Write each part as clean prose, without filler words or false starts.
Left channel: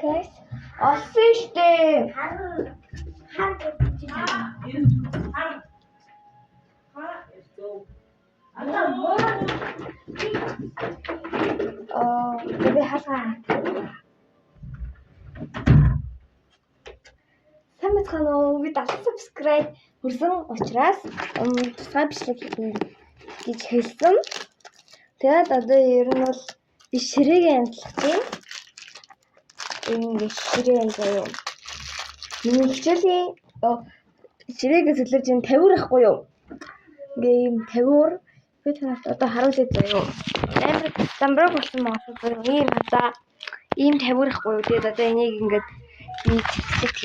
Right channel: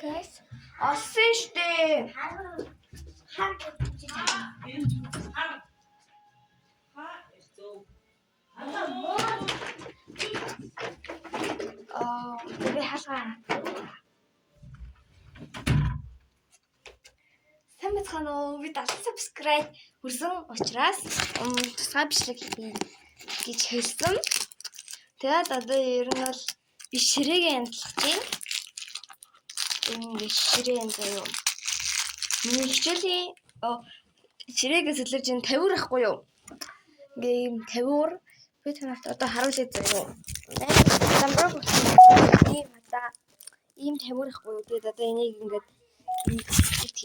Guys, олсон штэ. Би хаалгаа. Сайн бацхан уу? Би 70 subscribe хүрсэн учраас тусгай бичлэг хийж хэлсэн. Тэгээд одоо ер нь бол би ширээгээ амтлах чинь. Энэ ширээ заяа. Миний хичээлийн ширээгээ сэлэрж ин 50 ахгүй юу? Ингээ юм 50 би танарт одоо харуулъя заяа. Самбар болсон ийм одоо ийм 50 ахгүй юу? Тэгээд одоо энийг ингээд ийцдэг.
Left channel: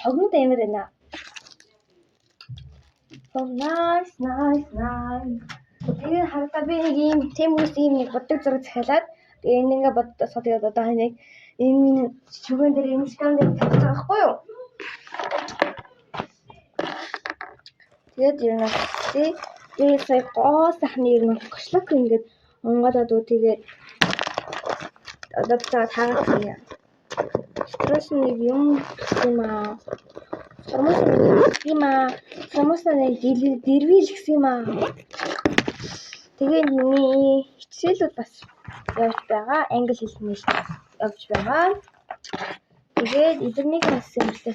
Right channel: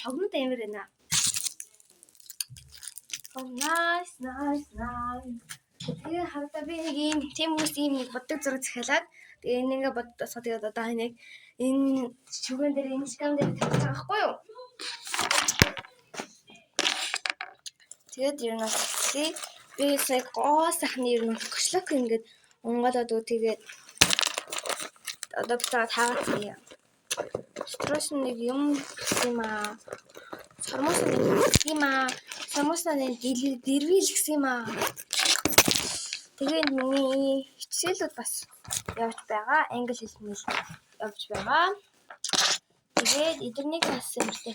Хогнод амар байна. Oh nice. Тэгээд харагдаа би нэг ийм темүүс ийм нэг боддог зураг захиалаад тэгээд энэ ингээ боддосоо тэгээд одоо нэг энэ шүгэн дээр энэ скам дээр тавьчих байгаа байхгүй юу? Тэгээд ер нь би сая гоо сайхны ер нь гошлог ингээд онголоод тэгээд одоо битээ таагаад юм. Стресс нэг юм юм аа. Сормос нэг дэрвил гэх юм аа. Тэгээд миний хичээлүүд бас явж байгаа. Англи хэлний явж байгаа. Тэгээд эдгэрнийг бас ярьлаа.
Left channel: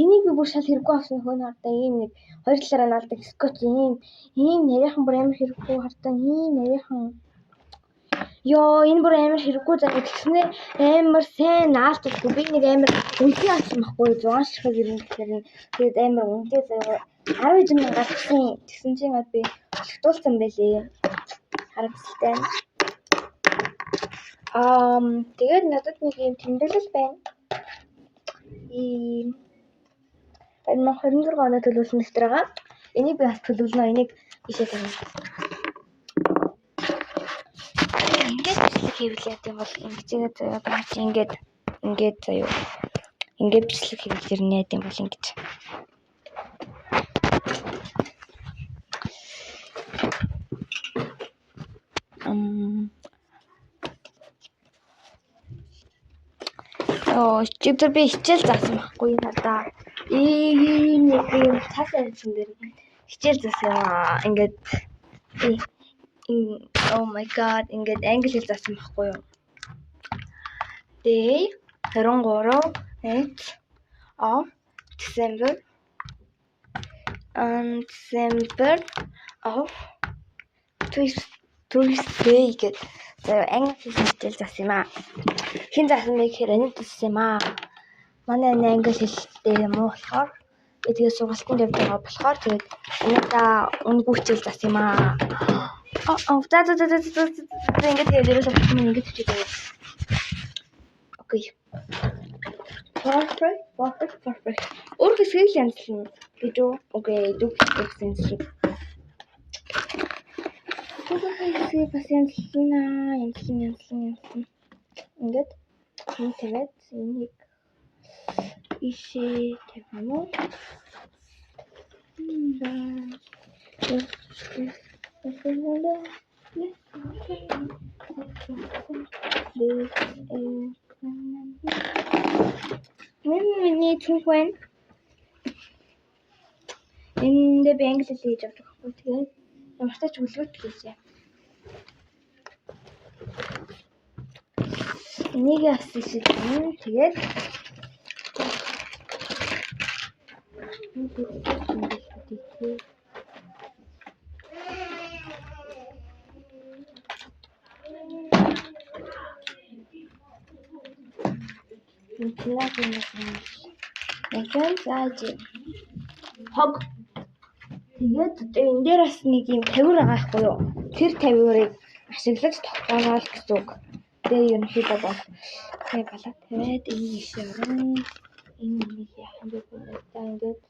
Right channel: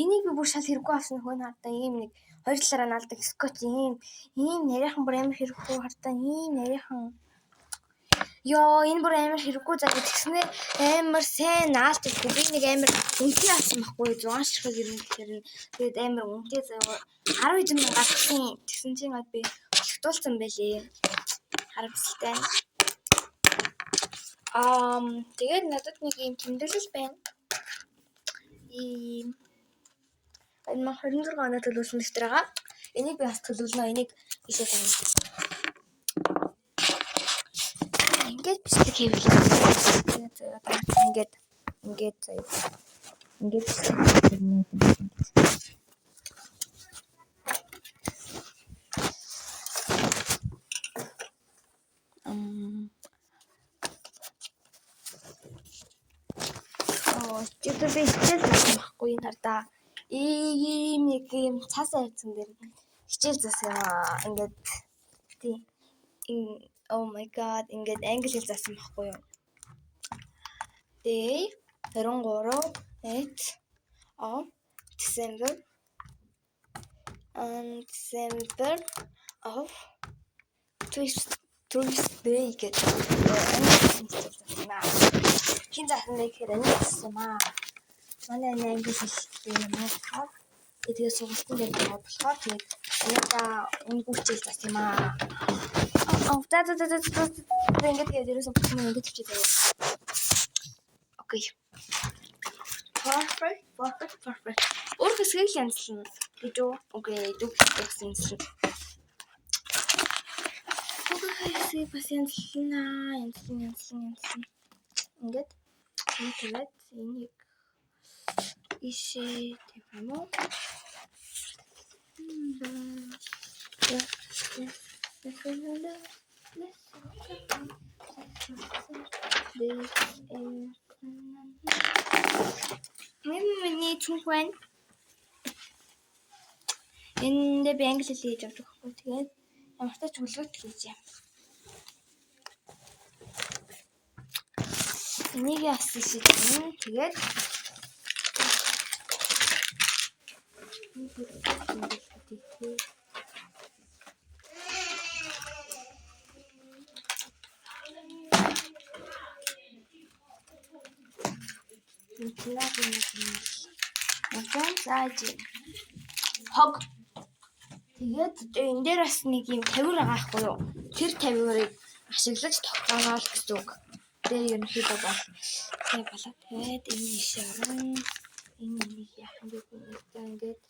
Энийг би бүр шал хэрэггүй авсан хөө хардаа ийм нэг хоёр талаараа наалдаг скотч ийм нарийнхан бүр амар хэрэггүй хардаа ийм нарийнхан. Йоо энэ бүр амар хэрэггүй заа тэгснэ амар сайн наалдаг. Би нэг амар үнэтэй авсан байхгүй 6 ширхэг ер нь тэгээд амар үнэтэй заа 10 мянга гарсан. Тэгсэн чинь би олгтуулсан байлээ. Харамсалтай. Тэгээд надад нэг юм тэмдэглэл байна. Энэ 26 оноо төлөвлөсөн дэвтэр байгаа. Энийг би бас төлөвлөнө. Энийг бишээ тавина. Ингээд бичлэг хийвэл. Тэгээд одоо ингээд заяа. Ингээд бичлэг хийрнэ гэм бол ингэж. Чиптер би хичээл заасан байхгүй надаа. Ийм нэг юм цаас авчин дээр хичээл заасан юм аа. Ингээд oh my god ингээд англи хэл заасан байхгүй юу. Day 23 December of Tuesday гэдэг англи хэл заасан юм аа. Хин заасан нэг хэрэг заасан юм аа. Манай англи хэлтэй юм уу болохоор эдгээр сургалтын дээр байгаа болохоор тэгээд энэта үнгүй хичээл заасан юм аа. Ингээд дээрээс ингээд хичээл. Окей. Perfect. Өөр хэсгийг л янзлна. Гэж үү? Окей, дүүх гэсэн. Хэсгийг бас янзлна. Ингээд тэгээд энийг ишээ тавьсан уу? Миний түнхэн энэ би англи хэл хийж авч байгаа байхгүй тэгээд ямар ч тач үлгэрт хийжээ. Энийг яасан шийдэн тэгээд хог тэгээд энэ дээр бас нэг юм 50 байгаа байхгүй юу? Тэр 50-ыг ашиглаж тогтооно гэсэн үг. Тэгээд ерөнхийдөө бол тэг болоо тэгээд энэ ишээ орон энэ нэг яхан бэ ингээд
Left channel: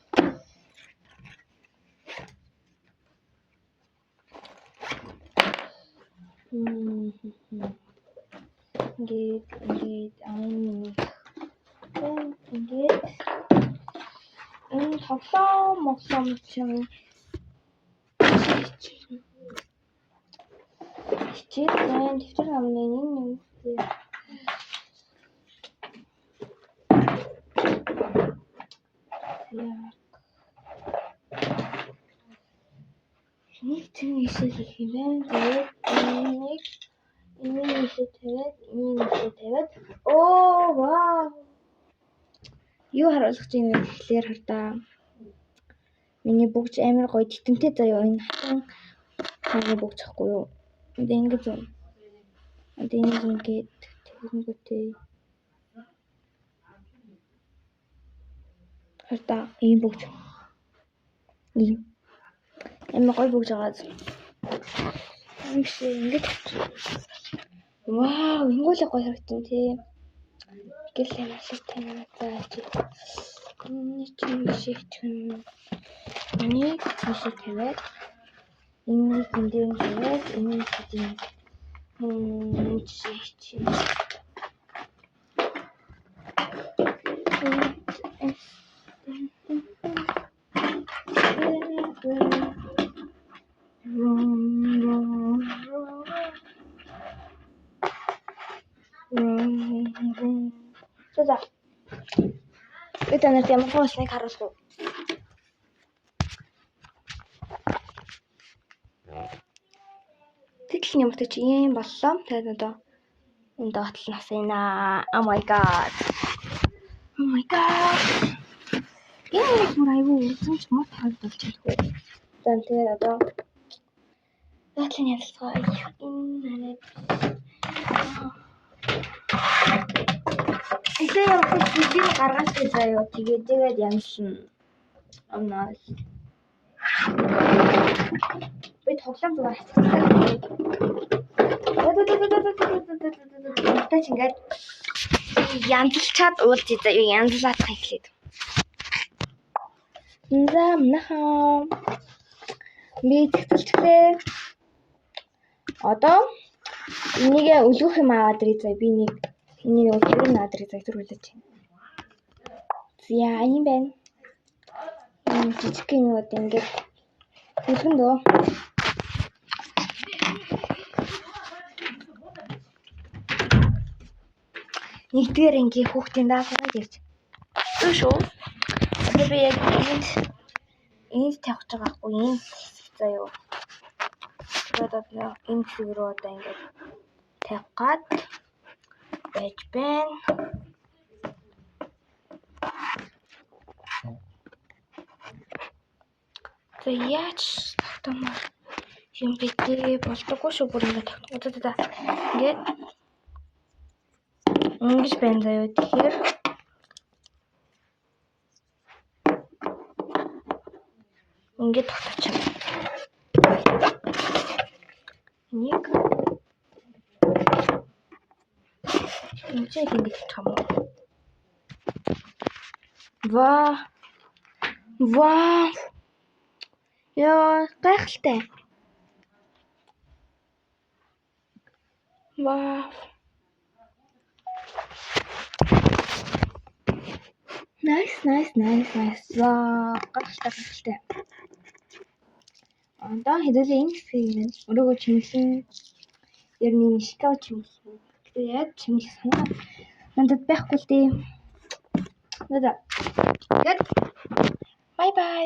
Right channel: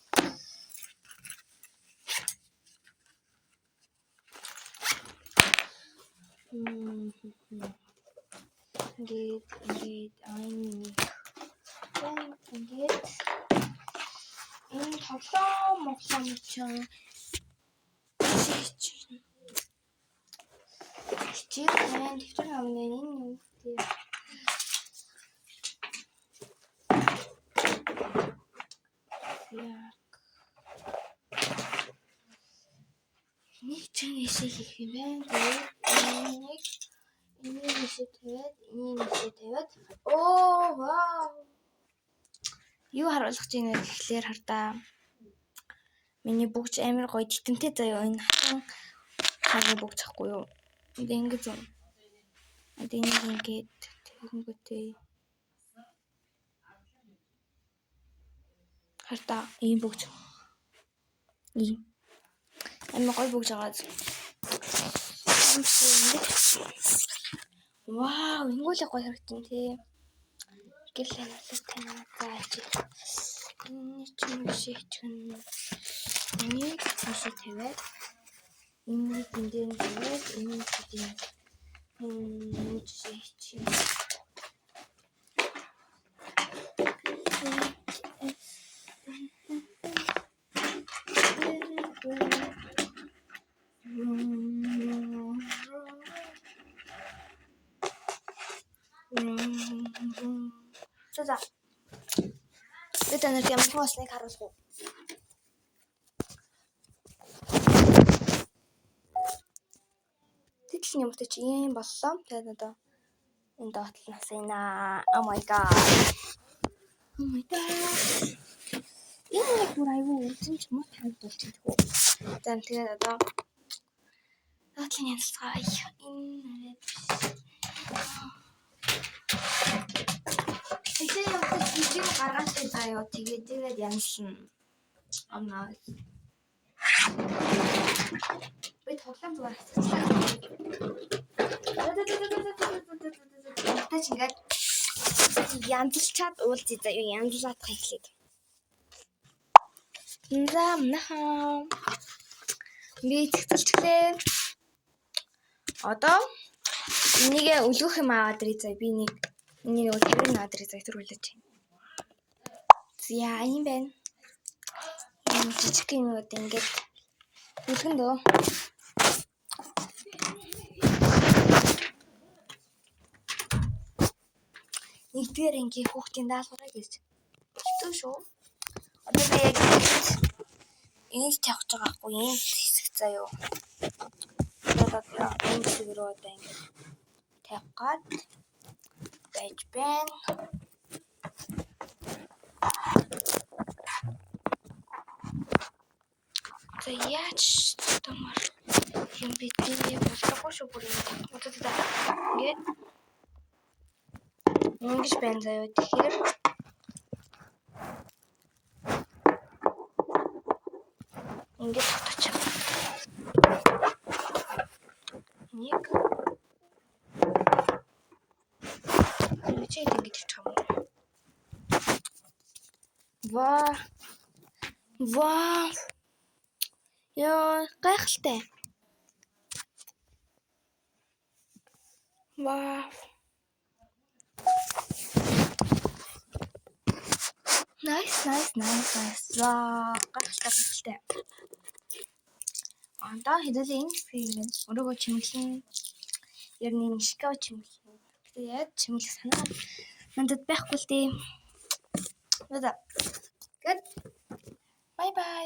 ингээд энэ тоглоом чинь хичээл байна. Дэвтэр амнаа энэ чинь ийшээ хийх юм байна. Тэгээд энийг ийшээ тавиад оо вау. Юу харуулах гэж байна гэхлээр хардаа. Миний бүгж амар гоё титэмтэй заяа энэ хатан бүгж ахгүй юу. Энд ингэж юм. Энд ингэж тэгэнгүүтээ. Хардаа ийм бүгж. Ийм. Амар гоё бүгж байгаа. Ингэж. Вау, ингүүл гоё харагдсан тий. Гэлээ нэлээд танаа зааж. Энэ чинь шийтгэн. Энийг хийшээ тавиад энийг эндээ тавиад энийг хийх. Шийтгэн. За. Бид анх ямар хөөснэг харуулсан. Тэгэл ямар ч юм боллоо. Тэгээд одоо энэ доотлол нас ийна. Oh my god. Энэ бүр аюу үзэмж мод харагдуулж байна. За тэгээд одоо доотлын ялцгаа энэ Илүү явах видео гаргаж байгаа. Тэгээд янзлна. Оноо. Би тоглоом зүгээр хацчихсан. Тэгтээ ингээд янзлчаад уулзъя заа юу янзлаад хэлээд. Наа. Би цэцэлчлээ. Одоо энийг өлгөх юм аваад ирээ заа би нэг энийг тэрэн аваад ирээ заа төрүүлж байна. За юм байна. Жижиг юмуд ингээд өлгөн дөө. Нэгдүгээр ангийн хүүхдийн даалгавар гэж. Юу шүү? Тэгээд энд тавьж байгаа хгүй энэ хэсэг заяа. Тэгээд энэ зүрөө одоо ингээд тавих гад байж байна. За яач томор юм битээ болдоггүй шүү бүр ингээд. Ингээд ингэж байна заяа тэгэхээр ингэж татчих. Нэг ингэж ингэж тавьчих юм уу? Вау. Яа, гайхалтай. Вау. Nice. Вау, гайхалтай. Одоо хэдүүлээ энэ хэсгийг минь өрөөгөө чимэглэн ер нь шикав чимэглэн. Гэтэ яаж чимэглэх санаа надад байхгүй л дээ. Бай бай.